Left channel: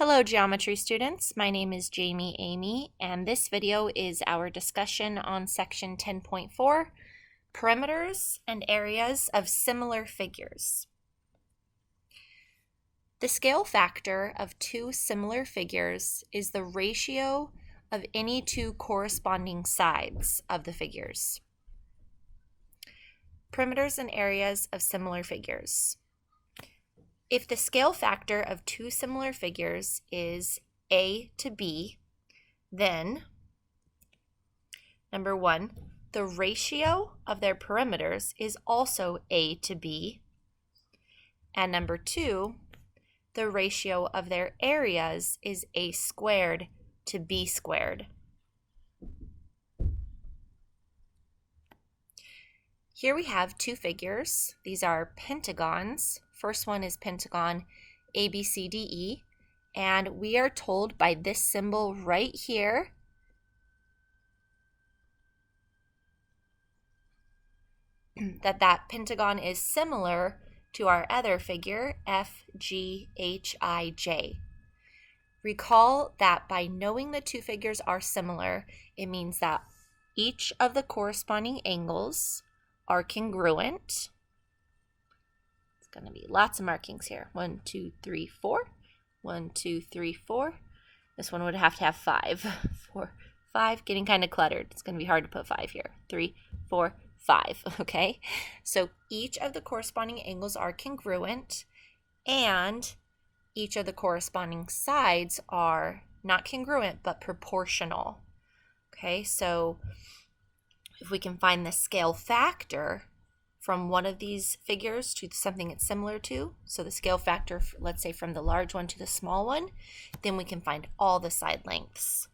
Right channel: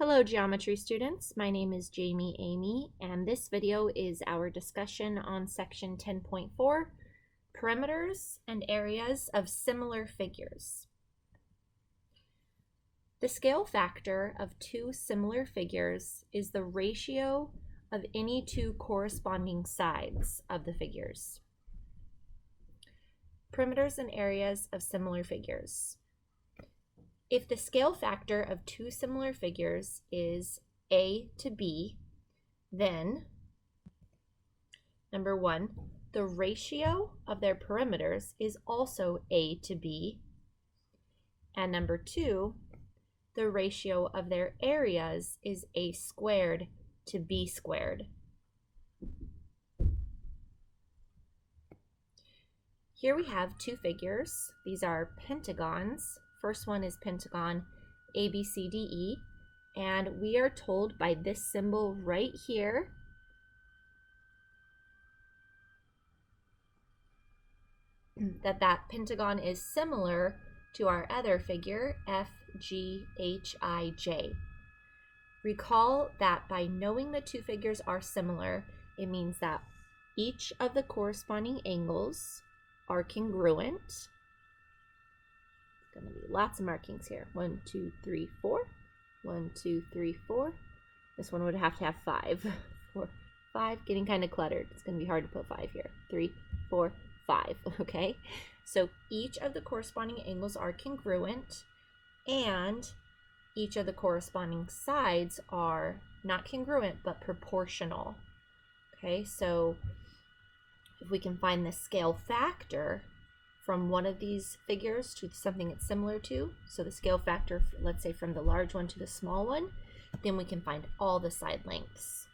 Hello geometry students, my name is Jami Emigh, and this video is our discussion on section 10.4, perimeters and areas of similar figures. The scale factor of two similar figures is the ratio of any two corresponding sides of the figures. Perimeters and areas of similar figures. If the scale factor of two similar figures is A to B, then number one, the ratio of their perimeters is also A to B, and number two, the ratio of their areas is A squared to B squared. Here we have two figures. These are pentagons. First one is pentagon ABCDE, and we are told by this symbol right here that pentagon is similar to our other figure, FGHIJ. Recall that by knowing the two figures are similar, it means that each of the corresponding angles are congruent. It's going to be lots of markings here. 1, 2, 3, 4. 1, 2, 3, 4. This one would have to have 5. 4, 5. Getting kind of cluttered. It's going to be hard to put 5 here. 3, 4, 5. Okay? So each of the corresponding angles are congruent, and each of the corresponding sides are not congruent but proportional. Okay? So if we can find the scale factor from one of these figures to something it's similar to, so the scale factor, let's say from the large one to the small one, then we can find all the side lengths.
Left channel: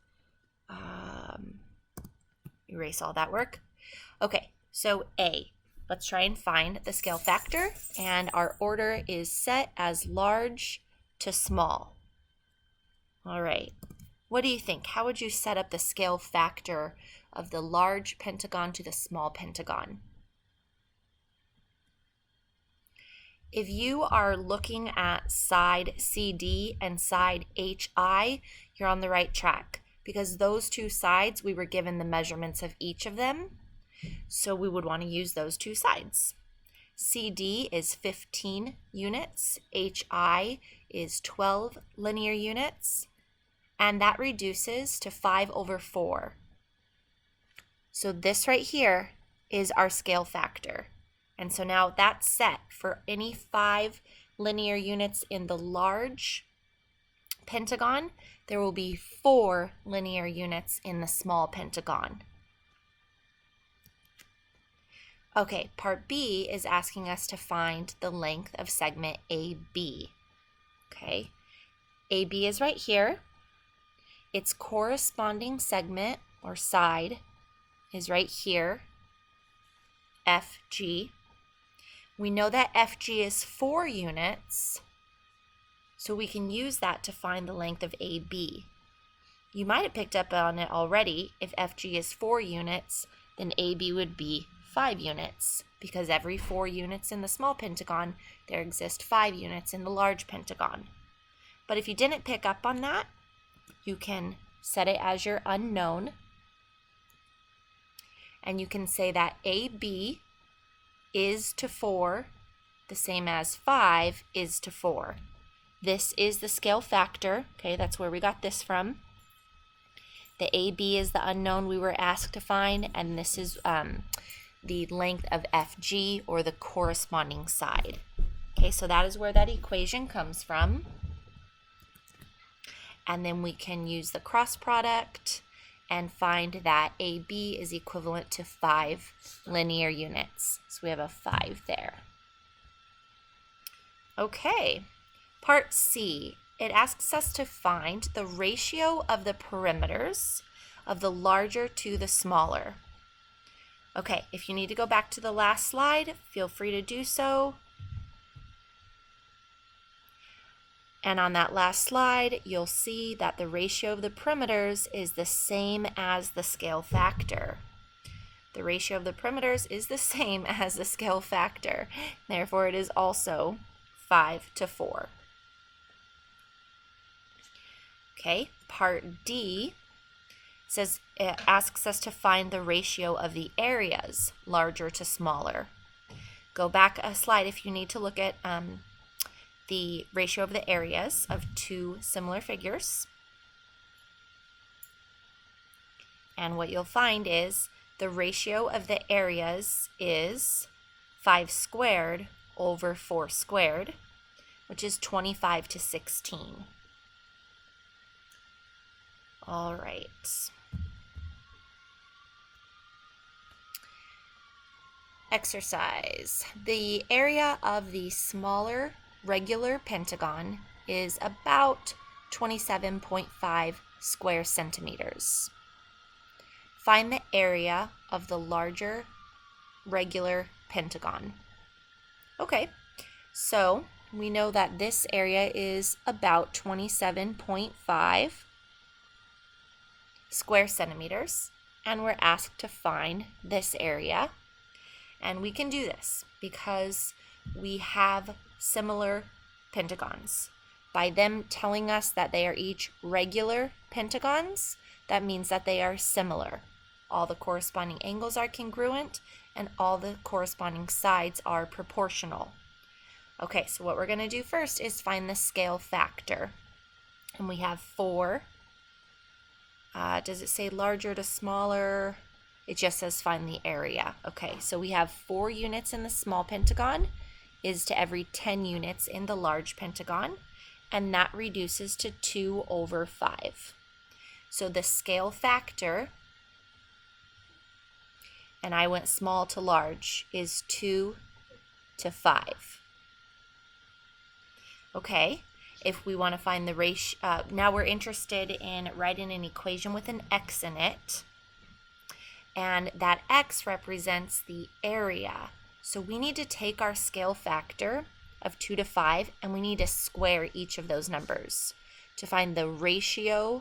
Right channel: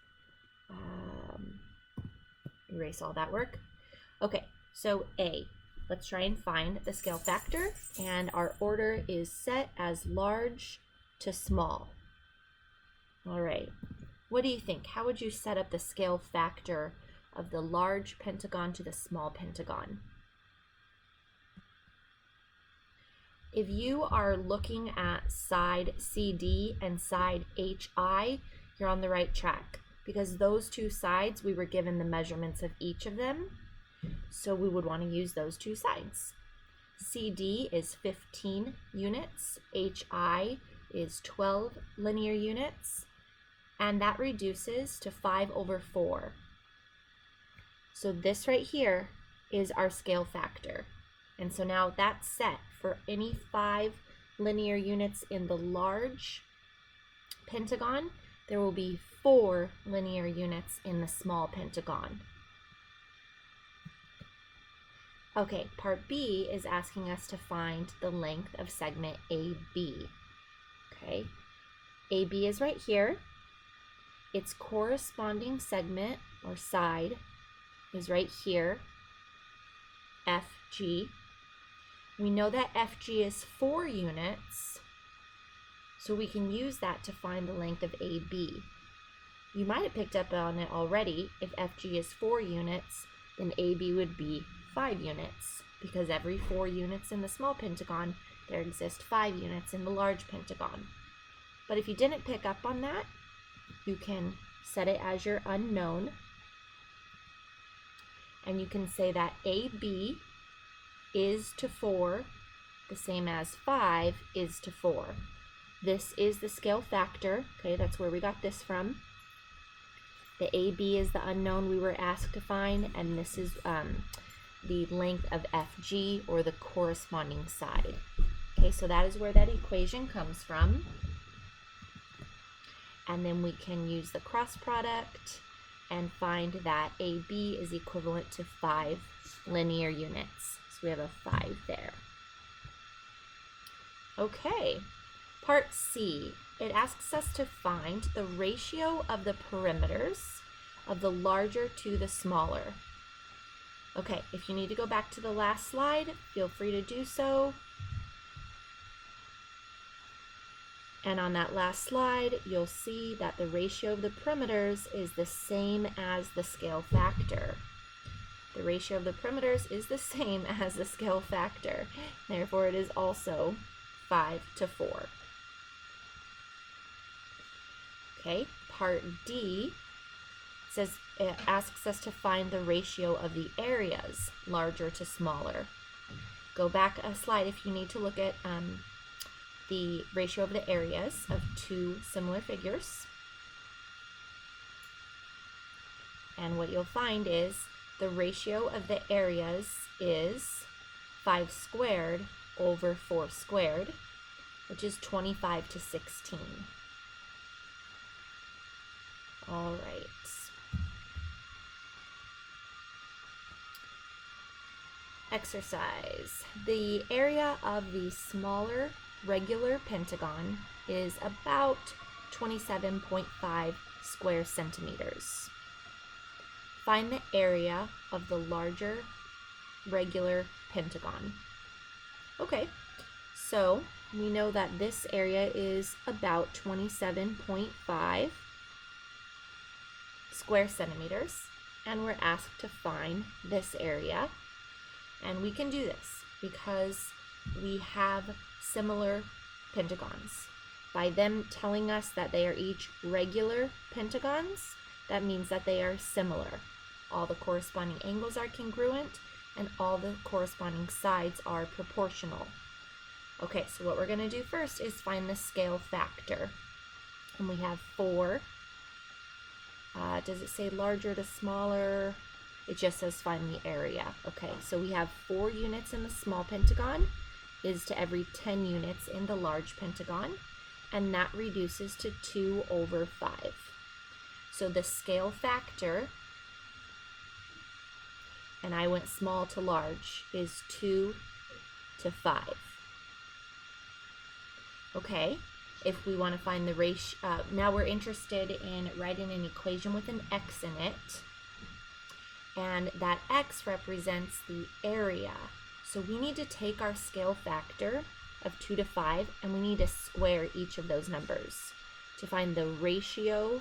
Erase all that work. Okay, so A, let's try and find the scale factor, and our order is set as large to small. All right, what do you think? How would you set up the scale factor of the large pentagon to the small pentagon? If you are looking at side CD and side HI, you're on the right track, because those two sides, we were given the measurements of each of them, so we would want to use those two sides. CD is 15 units, HI is 12 linear units, and that reduces to 5/4. So this right here is our scale factor. And so now that's set for any 5 linear units in the large pentagon. There will be 4 linear units in the small pentagon. Okay, part B is asking us to find the length of segment AB. Okay, AB is right here. Its corresponding segment or side is right here, FG. We know that FG is 4 units, so we can use that to find the length of AB. You might have picked up on it already. If FG is 4 units, then AB would be 5 units, because every 4 units in the small pentagon, there exist 5 units in the large pentagon. But if you didn't pick up on that, you can set it as your unknown, and you can say that AB is to 4, the same as 5 is to 4. This is the scale factor. Okay, that's where we got this from. The AB is the unknown we were asked to find, and this is the length of FG, or the corresponding side. Okay, so that is where that equation comes from. And then we can use the cross product and find that AB is equivalent to 5 linear units. So we have a 5 there. Okay, part C, it asks us to find the ratio of the perimeters of the larger to the smaller. Okay, if you need to go back to the last slide, feel free to do so. And on that last slide, you'll see that the ratio of the perimeters is the same as the scale factor. The ratio of the perimeters is the same as the scale factor. Therefore, it is also 5/4. Okay, part D says it asks us to find the ratio of the areas, larger to smaller. Go back a slide if you need to look at the ratio of the areas of two similar figures. And what you'll find is the ratio of the areas is 5 squared over 4 squared, which is 25 to 16. All right. Exercise. The area of the smaller regular pentagon is about 27.5 square centimeters. Find the area of the larger regular pentagon. Okay, so we know that this area is about 27.5 square centimeters, and we're asked to find this area. And we can do this because we have similar pentagons. By them telling us that they are each regular pentagons, that means that they are similar. All the corresponding angles are congruent, and all the corresponding sides are proportional. Okay, so what we're going to do first is find the scale factor. And we have 4. Does it say larger to smaller? It just says find the area. Okay, so we have 4 units in the small pentagon is to every 10 units in the large pentagon, and that reduces to 2 over 5. So the scale factor, and I went small to large, is 2 to 5. Okay, if we want to find the ratio, now we're interested in writing an equation with an x in it. And that x represents the area. So we need to take our scale factor of 2 to 5, and we need to square each of those numbers to find the ratio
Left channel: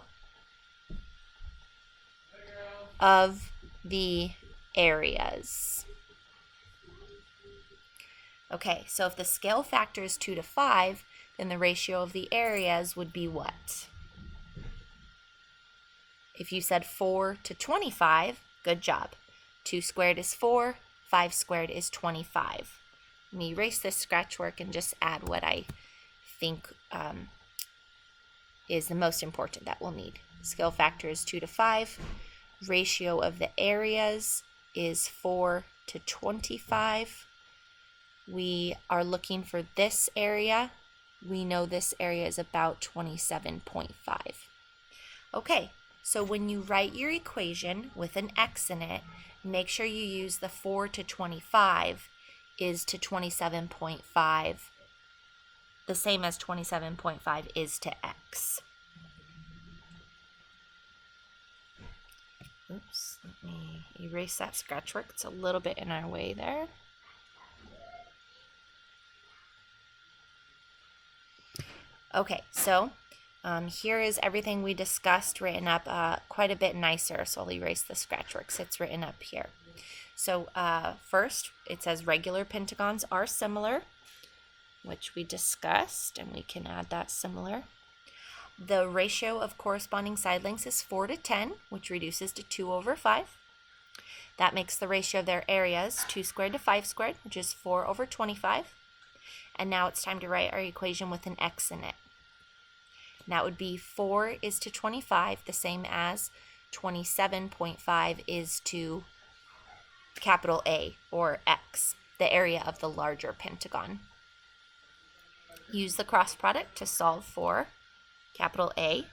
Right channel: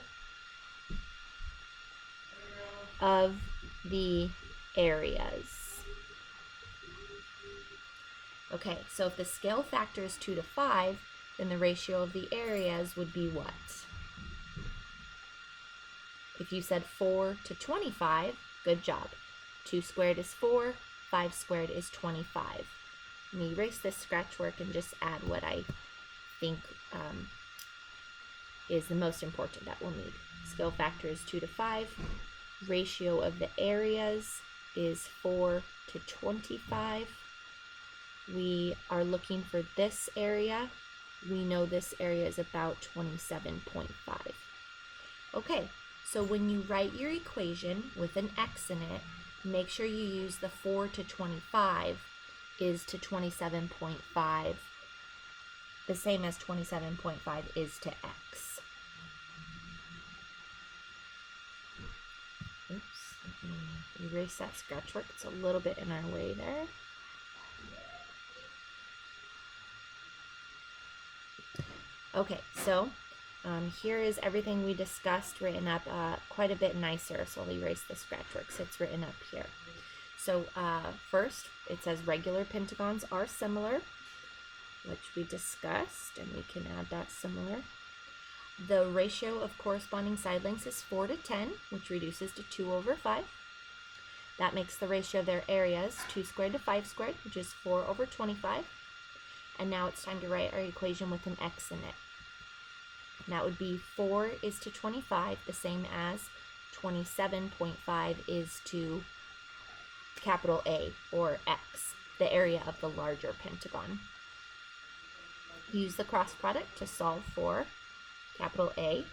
of the areas. Okay, so if the scale factor is 2 to 5, then the ratio of the areas would be what? If you said 4 to 25, good job. 2 squared is 4, 5 squared is 25. Let me erase this scratch work and just add what I think is the most important that we'll need. Scale factor is 2 to 5. Ratio of the areas is 4 to 25. We are looking for this area. We know this area is about 27.5. Okay. So when you write your equation with an x in it, make sure you use the 4 to 25 is to 27.5, the same as 27.5 is to x. Oops, let me erase that scratch work. It's a little bit in our way there. Okay, so here is everything we discussed written up quite a bit nicer, so I'll erase the scratch work so it's written up here. So first, it says regular pentagons are similar, which we discussed, and we can add that similar. The ratio of corresponding side lengths is 4 to 10, which reduces to 2 over 5. That makes the ratio of their areas 2 squared to 5 squared, which is 4 over 25. And now it's time to write our equation with an x in it. And that would be 4 is to 25, the same as 27.5 is to capital A, or x, the area of the larger pentagon. Use the cross product to solve for capital A,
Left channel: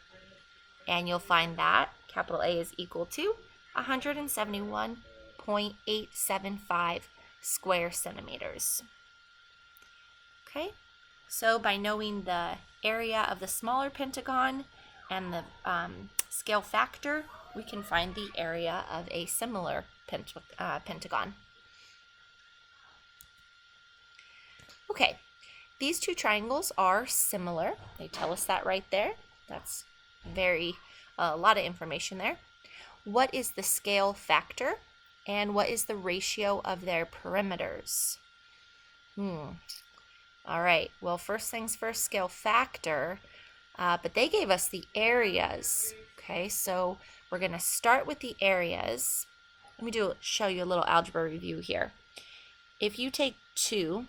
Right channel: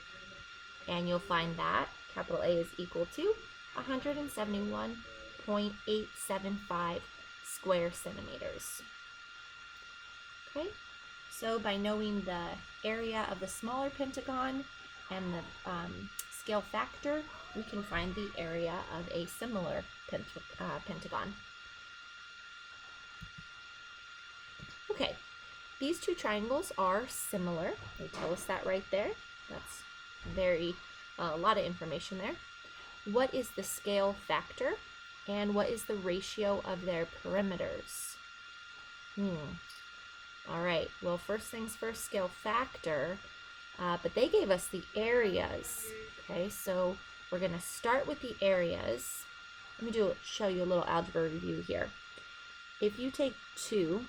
and you'll find that capital A is equal to 171.875 square centimeters. Okay, so by knowing the area of the smaller pentagon and the scale factor, we can find the area of a similar pentagon. Okay, these two triangles are similar. They tell us that right there. That's a lot of information there. What is the scale factor, and what is the ratio of their perimeters? All right, well, first things first, scale factor. but they gave us the areas. Okay, so we're going to start with the areas. Let me show you a little algebra review here. If you take 2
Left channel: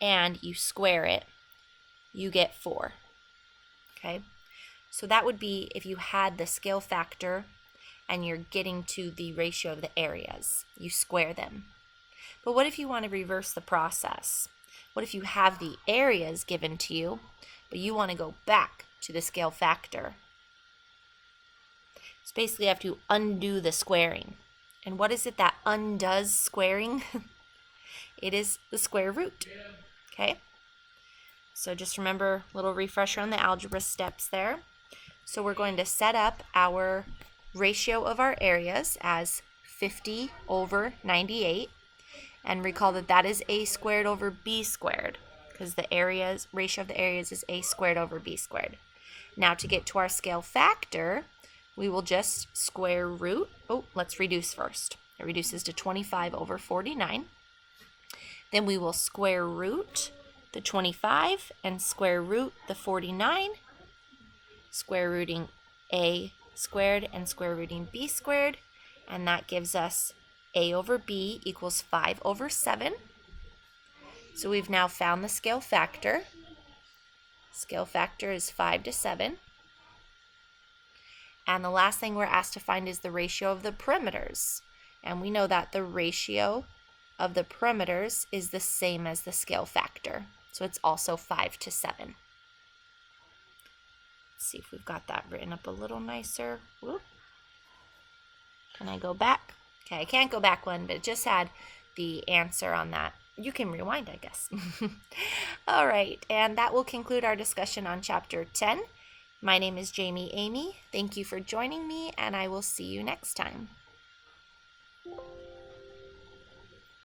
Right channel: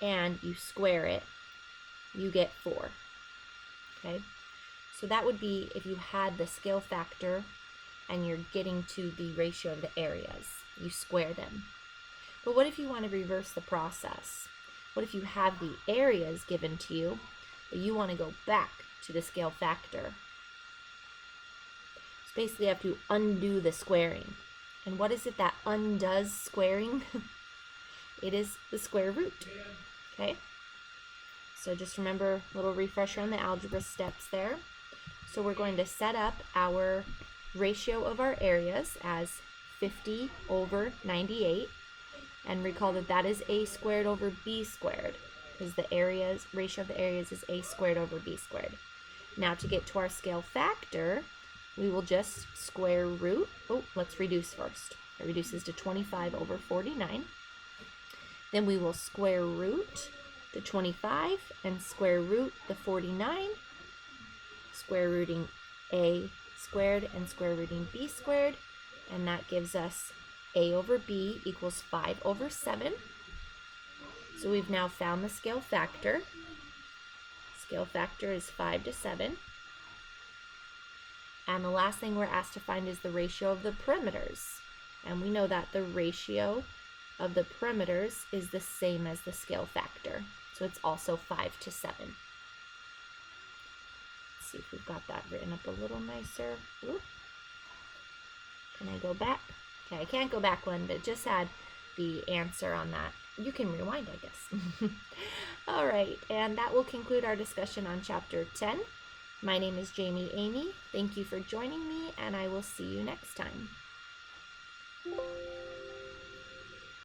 and you square it, you get 4. Okay, so that would be if you had the scale factor and you're getting to the ratio of the areas. You square them. But what if you want to reverse the process? What if you have the areas given to you, but you want to go back to the scale factor? So basically you have to undo the squaring. And what is it that undoes squaring? It is the square root. Okay? So just remember a little refresher on the algebra steps there. So we're going to set up our ratio of our areas as 50 over 98. And recall that that is a squared over b squared, because the ratio of the areas is a squared over b squared. Now to get to our scale factor, we will just square root. Oh, let's reduce first. It reduces to 25 over 49. Then we will square root the 25 and square root the 49, square rooting a squared and square rooting b squared, and that gives us a over b equals 5 over 7. So we've now found the scale factor. Scale factor is 5 to 7. And the last thing we're asked to find is the ratio of the perimeters. And we know that the ratio of the perimeters is the same as the scale factor. So it's also 5 to 7. Let's see if we've got that written up a little nicer. Whoop. Can I go back? Okay, I can't go back one, but it just had the answer on that. You can rewind, I guess. All right, and that will conclude our discussion on Chapter 10. My name is Jami Emigh. Thank you for joining me, and I will see you next time.